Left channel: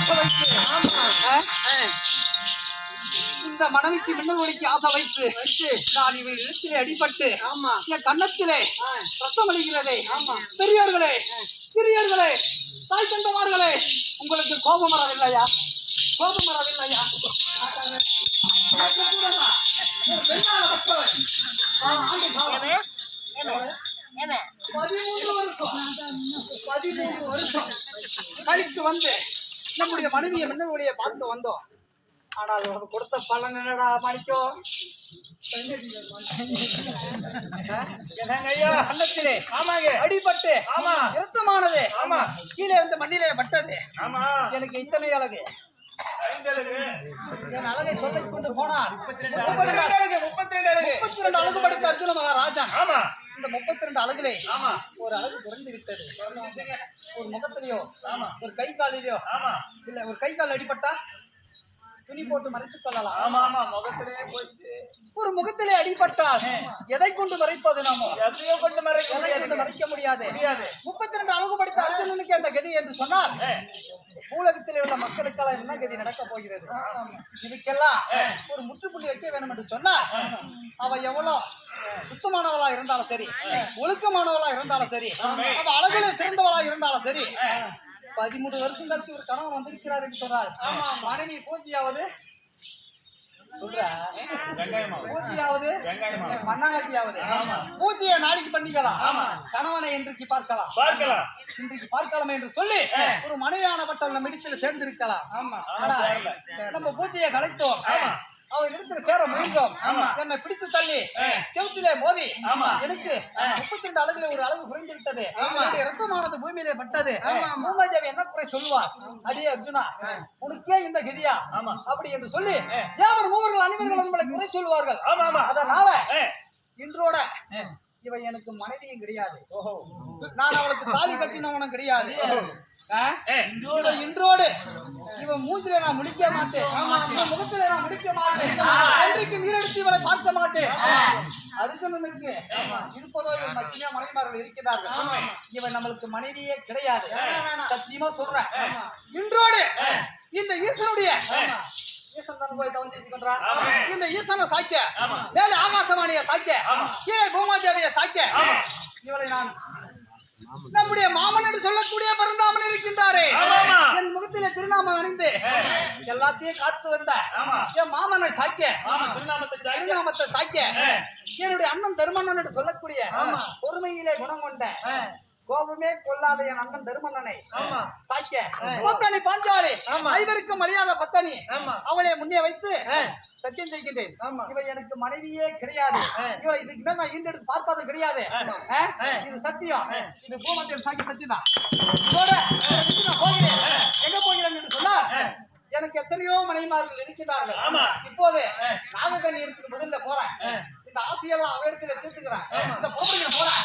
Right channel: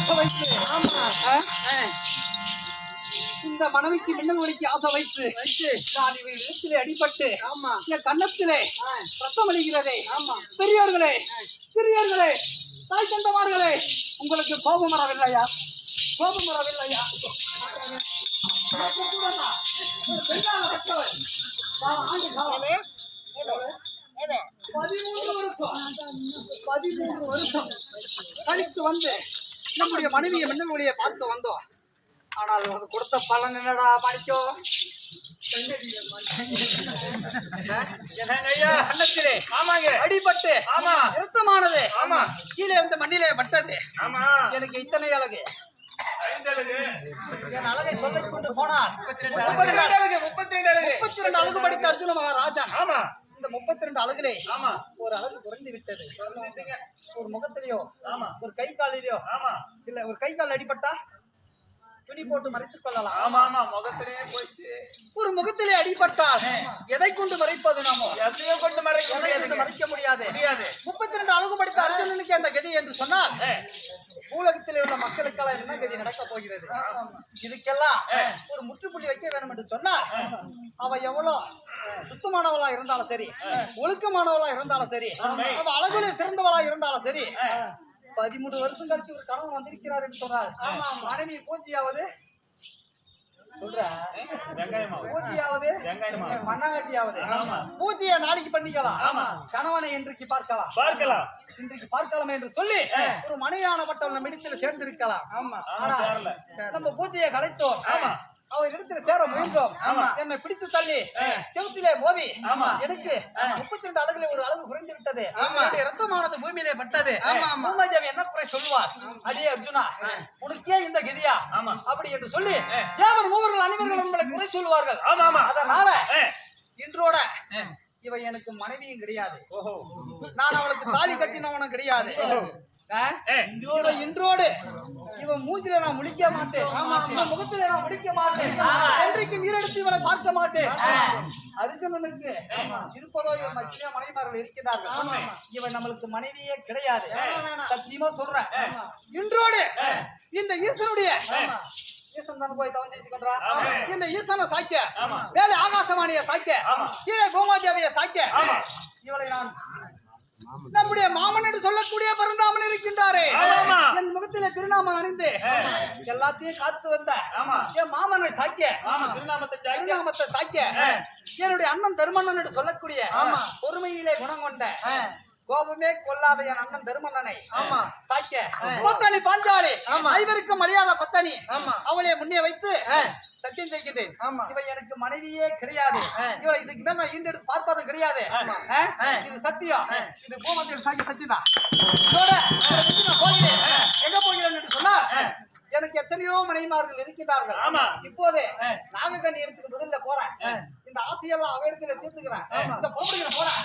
ஆசை வைத்து இந்த மனைவிக்கு மின்னல் ஒளிக்கு ஆசை வைத்து நான் இவை இடத்திலே அடிபட்டு என் கன்னத்திலே ரத்தம் அளிக்கிறதே. பெரியோர்களே, சிறியோர்களே, தாய் தந்தமார்களே, உங்களுக்கு கோபம் வரவில்லையா? கோபம் வரவில்லையா? 13 வருஷம் கழித்து வந்து நம்முடைய மனைவியை மின்னல் பார்த்து வந்தோம். ஆனால் அது கொடுத்த பலன் என்னடா மாணிக்கோ? கண்ணத்திலே அடிபட்டு இரத்தமானது கீழே வந்து மண்ணிலே பட்டது. எனக்கு இத்தனை அழகு என் அழகை சொல்லிக் கொண்டு போனார். 32 அழகு படித்த அர்ஜுன மகாராஜன். இந்த 32 அழகுலே ஒரு அழகு குறைந்து விட்டது. ஒரு முகத்திலேயோ ஒரு கை காலிலேயோ இல்ல ஒரு கை கால் அடிபட்டா துணி போட்டு மறைத்துக் கொள்ளலாம். முகத்திலே போயிட்டு ஒரு முகத்திலே அடிபட்டால் எதை கொண்டு மறைப்பது? நாம எதையோ கொண்டு மறைக்க முடியாது. 32 அழகு படித்த அர்ஜுனனுக்கு அந்த கதி என்று சொன்னால் பூலகத்திலே உள்ள மக்களுக்கெல்லாம் என்ன கதி நடக்க போகிறது? இதுக்கெல்லாம் ஒரு முற்றுப்புள்ளி வைக்க வேண்டும் என்று சொன்னால் அவ எவ்வளவு சுத்தமானவளா இருந்தாலும் சரி, ஒழுக்கமானவளா இருந்தாலும் சரி, அவ அழகுல சிறந்தவளா இருந்தாலும் சரி, 13 வருஷம் கழிச்சு ஒரு கணவன் வந்திருக்கிறார் என்று சொன்னார். மனைவி பூஜையாவது பூஜையாவது மண்ணாங்கட்டியாவது பூஜையை நாளைக்கு பண்ணிக்கலாம், கணவனை இன்றைக்கு பார்க்கலாம் இன்றைக்கு பார்க்கலாமே என்று சொல்லி ஒரு மனைவியானப்பட்ட நம்ம இடத்தில் சேர்ந்திருக்கலாம். நம்ம பூஜையை கலைத்தோம், அவர் இடத்துல சேர முயன்றோம். என்னை பிடித்து தள்ளி செவுத்திலே மோதி எனக்கு 32 அழகுல ஒரு அழகு குறைந்து விட்டது. ரத்தமானது பூமியிலே பட்டது. பூமாதேவி என்ன குறை சொல்லுவார்? அடியே அர்ஜுனா, உனக்கே இந்த கதியா அப்படி என்று சொல்லி தேவர் மூவர்கள் அனைவர்கள் உங்களை குறை சொல்லுவார்கள். அதனால இன்றோட இவ எனக்கு மனைவியும் கிடையாது, நான் அவளுக்கு தாலி கட்டினவனும் கிடையாது. இன்றோடு இவன் மூஞ்சில நான் முடிக்க மாட்டேன், முகத்தில நான் முடிக்க மாட்டேன், என்றைக்கு நீரெடுத்து இவனை பார்க்க மாட்டேன். அர்ஜுனனுக்கு இருப்பதோ இவன் மத்திய மனைவிமார்கள் இருக்கிறார்கள். இவன் நம்மளுக்கு மனைவியே கிடையாது, சத்தியமா சொல்றேன். இன்றோடு இந்த ஈசனுடைய ஈசன் தான் போய் தவம் செய்கின்றான். இந்த ஈசனை சாய்க்க, மேலே ஆகாசவாணியை சாய்க்க, கீழே பூமாதேவியை சாய்க்க, இவளை நான் நம்முடைய மாமன் என்று சொல்லக்கூடிய பரந்தாமன் இருக்கின்றாரே, என் முகத்தில திருநாமம் அணிந்து எல்லாத்தையும் காத்து வந்த என் மாமனை சாய்க்க, திருநாமத்தை சாய்க்க, என்னுடைய அண்ணன் தருமண்ணன் என்று சொல்லக்கூடிய பொறுமையிலே குணம் கொண்ட கோபமே கொள்ளாத என் அண்ணன் தருமண்ணனை சாய்க்க, பத்தனி பாஞ்சாலி ஐவருக்கும் மரியாதை பத்தனி அவளை முன்னே வைத்து சத்தியம் செய்கின்றேன். இவை எனக்கு மனைவியே கிடையாது, இவளை இதுக்கு மேல் நான் ஈண்டெடுத்து பார்ப்பது கிடையாது. இது சத்தியம், இது பூமத்தியம் சாக்கி சத்தியம் தான். போகிறேன், எங்க போகிறேன் என்று சொன்னால் எனக்கு எத்தனையோ மனைவிமார்கள் இருக்கிறார்கள். இப்போது நாகக்கண்ணி இடத்துக்கு முதல்ல போறேன், இந்த ஆசையெல்லாம் அவ இடத்துல தீர்த்துக்கிறேன், இந்த பொறுப்புகளை போறேன்.